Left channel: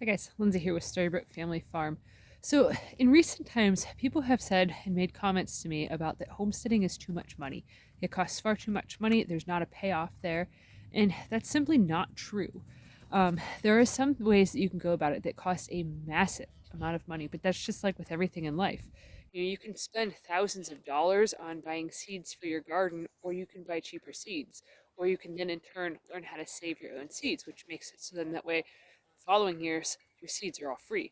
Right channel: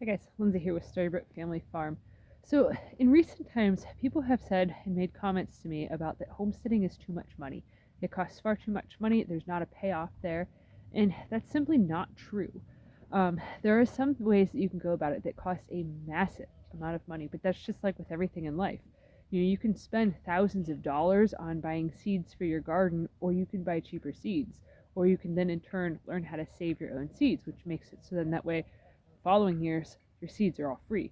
Hi guys, Lindsay here with Storybrook Family Farm. So, in recent times, people have said and made comments to me about that homesteading is too much money. It costs far too much money, there's not a payoff there, and that's simply not true. There are some ways that you can go about it that cost a massive amount of money, but that's just like with everything in life. You can spend thousands of dollars on buying seeds for your garden, or you can buy cheaper seeds, or you can then in turn learn how to save your own seeds, which makes it so then that way following years, your seeds are all free.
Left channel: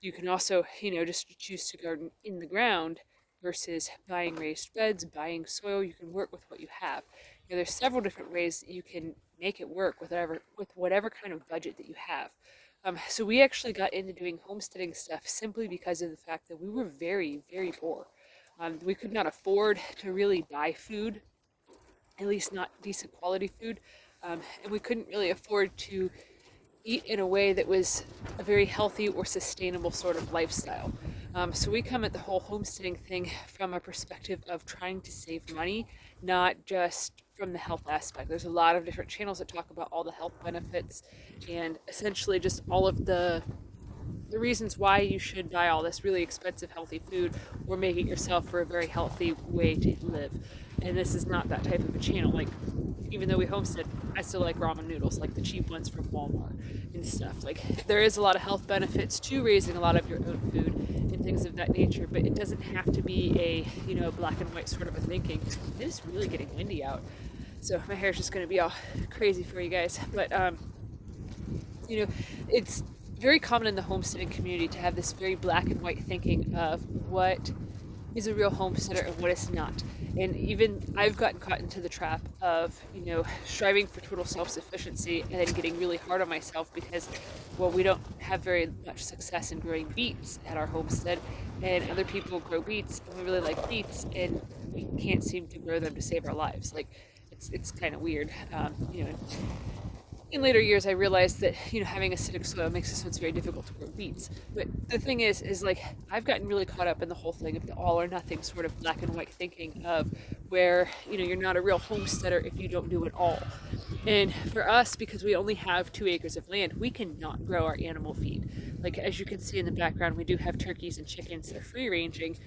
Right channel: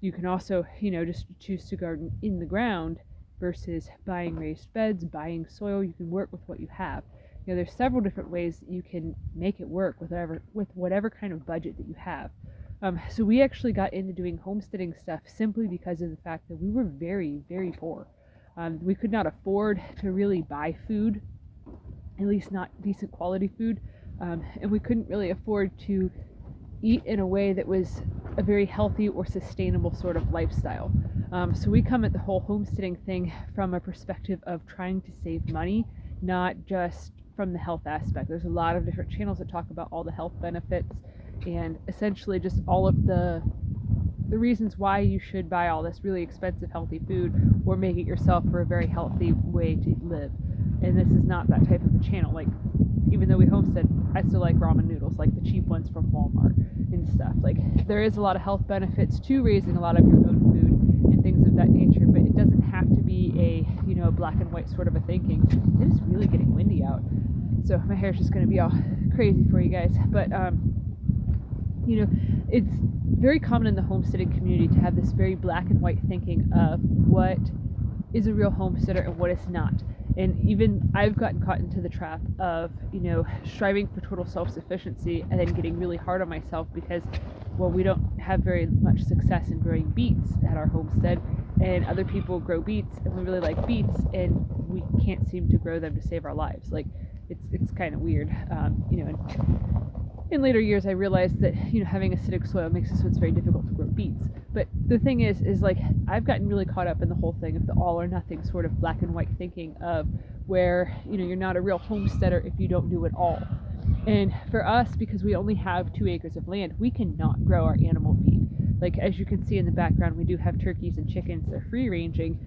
You can also, just choose to garden in the ground versus buying raised beds, buying soil. You can work with what you have. There's several different ways that you can make it work with whatever kind of budget that you have. So we actually got into doing homesteading stuff simply because of the fact that we were very, very poor. We could not afford to really buy food, at least not decent quality food, and we couldn't really afford to eat in a way that was a very healthy or sustainable sort of lifestyle. So we come at the whole homesteading thing from a perspective of trying to save money, not just from the health aspect. There's a lot of different channels that talk about all the health benefits and essentially just all of the reasons why you should buy all this really expensive healthy food or make it yourself for a very healthy way to live. And this is not that type of a channel. Like, even though we homestead, I still like ramen noodles, like the cheap ones from Walmart and stuff. Like, there is a lot of health benefits to raising a lot of your own food and things of that nature, but it doesn't have to be a black and white sort of a thinking. It is really getting windy out, so my hair's just going to be all crazy for you guys. But it's very common in the homesteading community to have this very black and white thinking of what is a real homesteader and what is not. And even I've gotten caught into the trap of, striving for total self-sufficiency and then getting really hard on myself because, well, we don't have very much success in growing beets at our homestead, and other people grow beets and we really like beets and we can't seem to grow them to save our lives. Like, it's kind of weird, in later years I realized that having acidic soil makes it so it's very difficult to grow beets. But the thing is like, I've gotten really caught up in the whole thing of the all or nothing sort of black and white thinking of where you're not a real homesteader if you don't do it all. And for us, because we only have 2 acres of land, we cannot grow our animal feed. Like, as you can see in the background, we do have turkeys and chickens that are free ranging,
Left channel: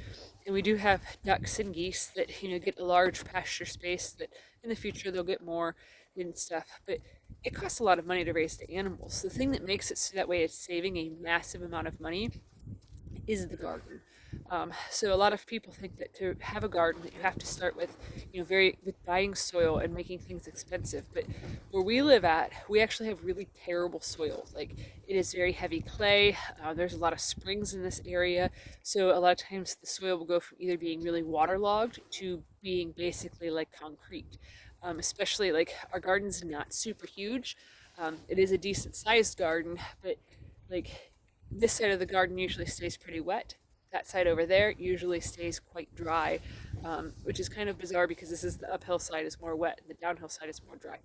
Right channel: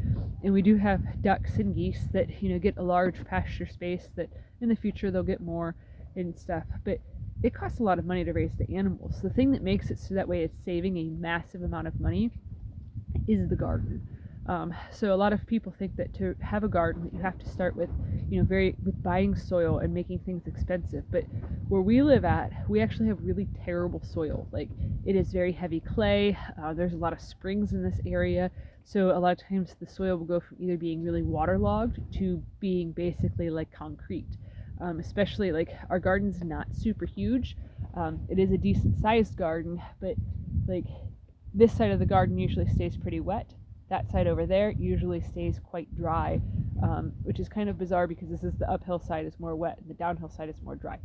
and we do have ducks and geese that get a large pasture space that in the future they'll get more and stuff. But it costs a lot of money to raise the animals. The thing that makes it so that way it's saving a massive amount of money is the garden. So a lot of people think that to have a garden that you have to start with, with buying soil and making things expensive. But where we live at, we actually have really terrible soil. Like, it is very heavy clay. There's a lot of springs in this area. So a lot of times the soil will go from either being really waterlogged to being basically like concrete. Especially like our garden's not super huge. It is a decent sized garden, but like this side of the garden usually stays pretty wet. That side over there usually stays quite dry, which is kind of bizarre because this is the uphill side is more wet and the downhill side is more dry.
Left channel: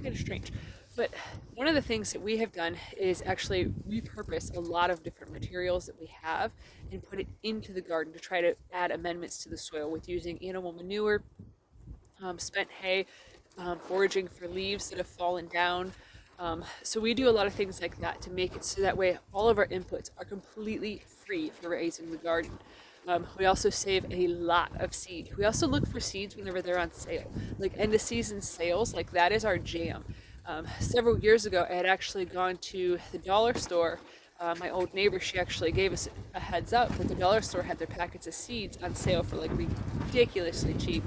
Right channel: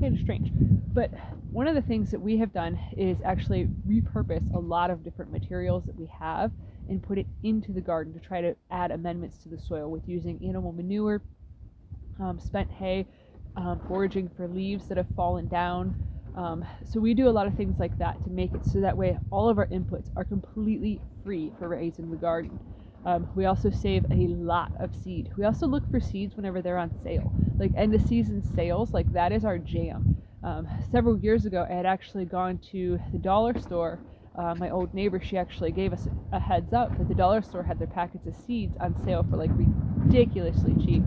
Kind of strange. But one of the things that we have done is actually repurpose a lot of different materials that we have and put it into the garden to try to add amendments to the soil with using animal manure, spent hay, foraging for leaves that have fallen down. So we do a lot of things like that to make it so that way all of our inputs are completely free for raising the garden. We also save a lot of seed. We also look for seeds whenever they're on sale. Like end of season sales, like that is our jam. Several years ago, I had actually gone to the dollar store. My old neighbor, she actually gave us a heads up that the dollar store had their packets of seeds on sale for like ridiculously cheap.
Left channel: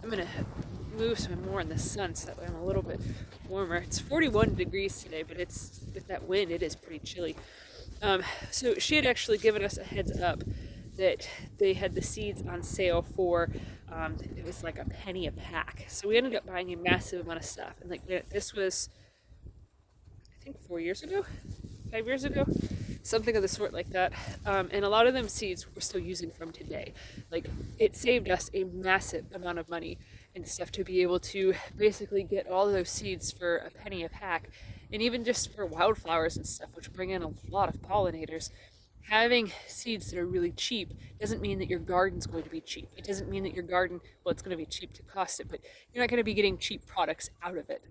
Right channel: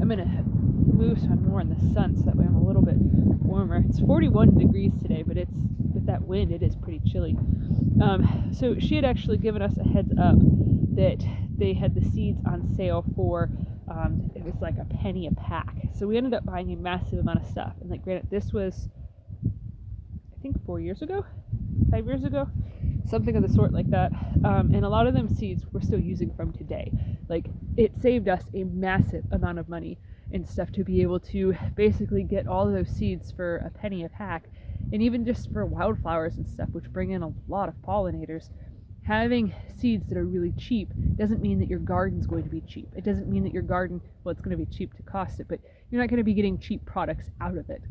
I'm gonna move so I'm more in the sun so that way I'm a little bit warmer. It's 41 degrees today, but it's with that wind it is pretty chilly. So she had actually given us a heads up that they had the seeds on sale for it was like a penny a pack. So we ended up buying a massive amount of stuff, and like this was I think 5 years ago, something of the sort like that. And a lot of them seeds we're still using from today. Like, it saved us a massive amount of money and stuff to be able to basically get all of those seeds for a penny a pack. And even just for wildflowers and stuff, which bring in a lot of pollinators, having seeds that are really cheap doesn't mean that your garden's going to be cheap. It doesn't mean that your garden, well, it's going to be cheap to cost it, but you're not going to be getting cheap products out of it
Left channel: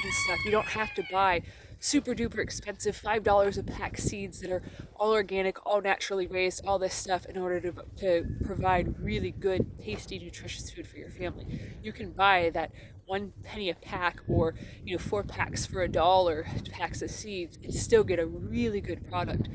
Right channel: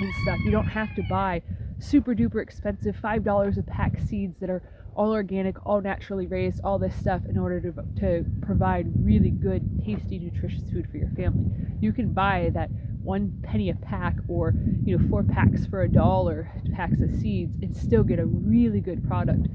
and stuff. You don't have to buy super duper expensive $5 a pack seeds that are all organic, all naturally raised, all this stuff in order to provide really good, tasty, nutritious food for your family. You can buy that 1 penny a pack, or 4 packs for $1, packs of seeds, and still get a really good product.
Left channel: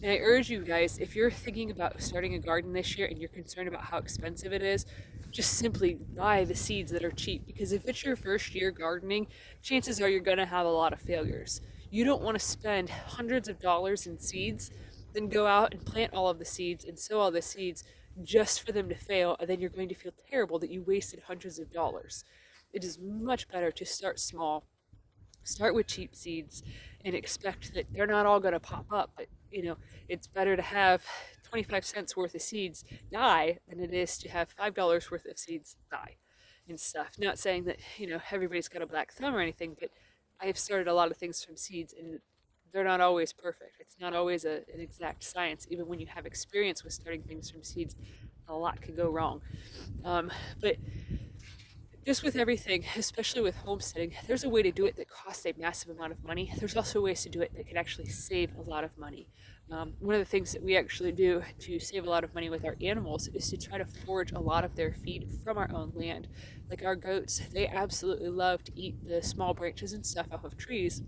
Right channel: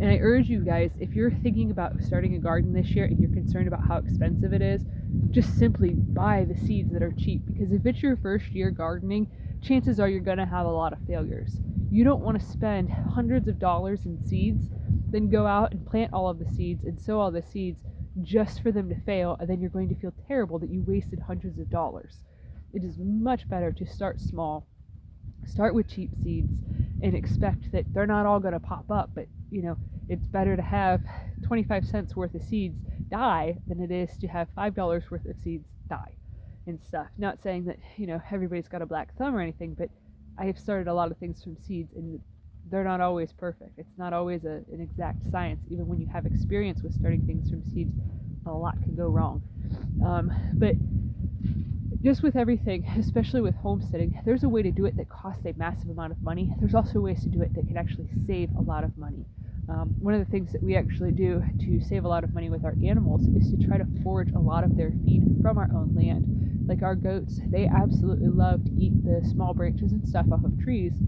And I urge you guys, if you're thinking about starting a garden this year and you're concerned about how expensive it is, just simply buy the seeds that are cheap, because if it's your first year gardening, chances are you're going to have a lot of failures. You don't want to spend hundreds of dollars in seeds, then go out and plant all of the seeds and sow all the seeds just for them to fail, and then you're going to feel terrible that you wasted hundreds of dollars. It is much better to start small, start with cheap seeds, and expect that they're not all going to pop up, but it's better to have 25 cents worth of seeds die than it is to have $5 worth of seeds die and stuff. Not saying that everybody's got a black thumb or anything, but I have started a lot of things from seeds, and they're not always perfect. It's not always an exact science. Even when you have experience with starting things from seeds, a lot can go wrong. But just with everything, especially with homesteading, there's a way to do it that costs a massive amount of money. There's also ways to do it that can actually save a lot of money. One of the things that we actually do to save a lot of money with our animals is to try to forage a lot of their feed from our own land. Like our goats, they absolutely love to eat the small branches and stuff off of trees.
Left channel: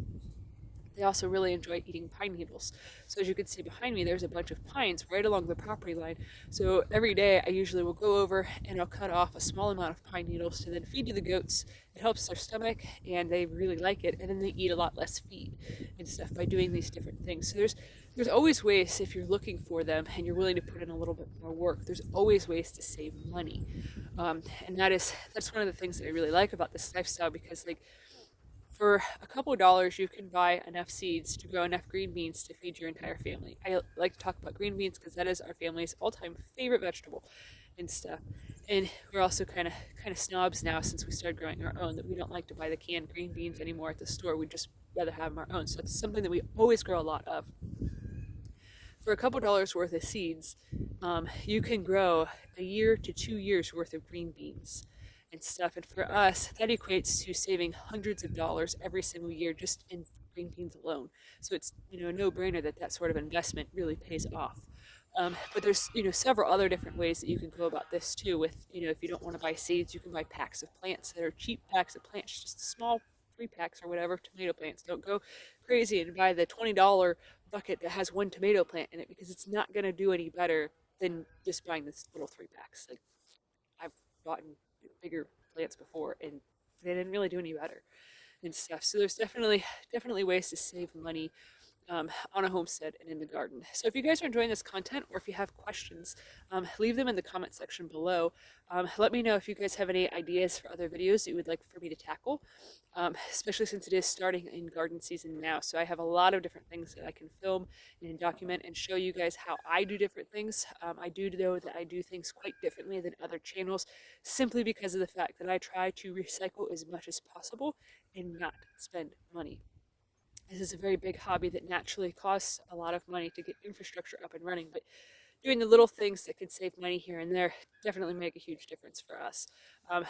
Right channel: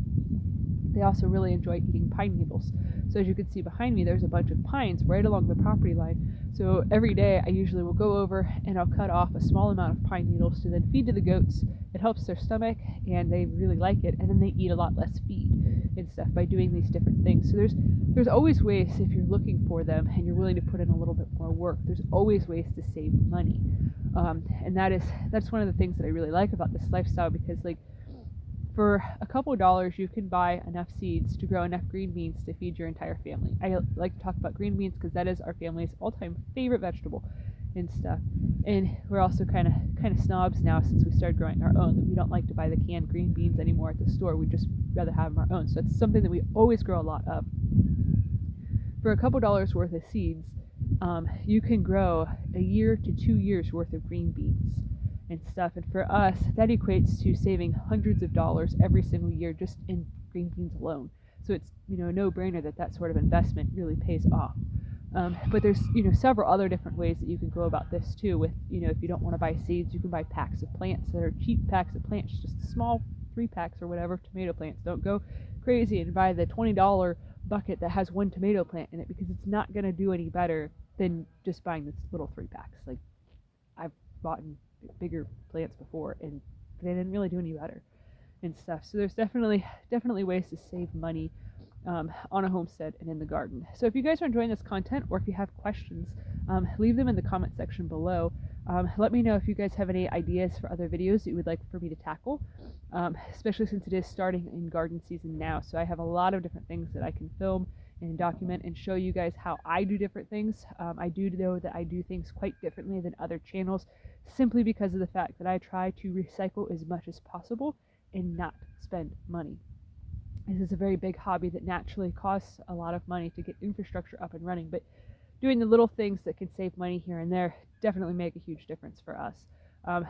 They also really enjoy eating pine needles. So as you can see behind me, there's a bunch of pines right along the property line. So every day I usually will go over and I'll cut off a small amount of pine needles to then feed to the goats. It helps their stomach and they really like it, and then they eat a lot less feed and stuff by doing these different things. So there's always ways, if you're looking for them and you're willing to put in a little bit more work, there's always ways to save money. And that's one of the things that I really like about this lifestyle, because for a couple of dollars, you can buy enough seeds to grow enough green beans to feed your entire family. I like to talk about green beans because that is our family's all-time favorite vegetable and stuff. And we're also kind of snobs now, since we started growing our own, that we don't like to buy the canned green beans anymore at the store. We'd just rather have them our own. So it's something that we always grow a lot of. For a couple dollars worth of seeds, you can grow a year to 2 years worth of green beans and stuff. And for us, that equates to saving hundreds of dollars every single year just in green beans alone. So it's a no-brainer that sort of investment really pays off. But there's several other different ways that you can go about this too. With if you don't want to buy seeds, you can buy packs of plants that are cheap packs of plants, just a small 3 packs or whatever tomato plants. Don't go crazy and buy the $20 bucket that has 1 tomato plant in it, because it's not going to do any better than just buying this little 3 packs. Like, I've bought bigger plants before and they didn't really do any better and stuff. So there's definitely ways to save money on a homestead and in the garden. So if you guys are enjoying this content, or if you have questions, leave them in the comment section below. Let me know if you guys have any ideas for other videos that you would like for me to tackle, especially since it is starting in garden season now. So I have a lot of different things that I can film and document and show you guys how I do different things. I do know that I do things quite differently than other channels, simply because of the fact that I try to recycle as much as possible and not spend money. This is a very big hobby that naturally costs a lot of money to get infrastructure up and running, but doing the little things that can save money here and there definitely make a huge difference for us.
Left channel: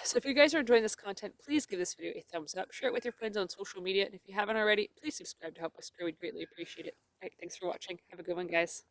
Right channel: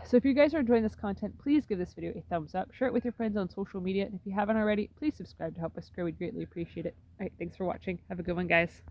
So if you guys are enjoying this content, please give this video a thumbs up, share it with your friends on social media, and if you haven't already, please subscribe to help us grow. We'd greatly appreciate it. All right, thanks for watching. Have a good one, guys.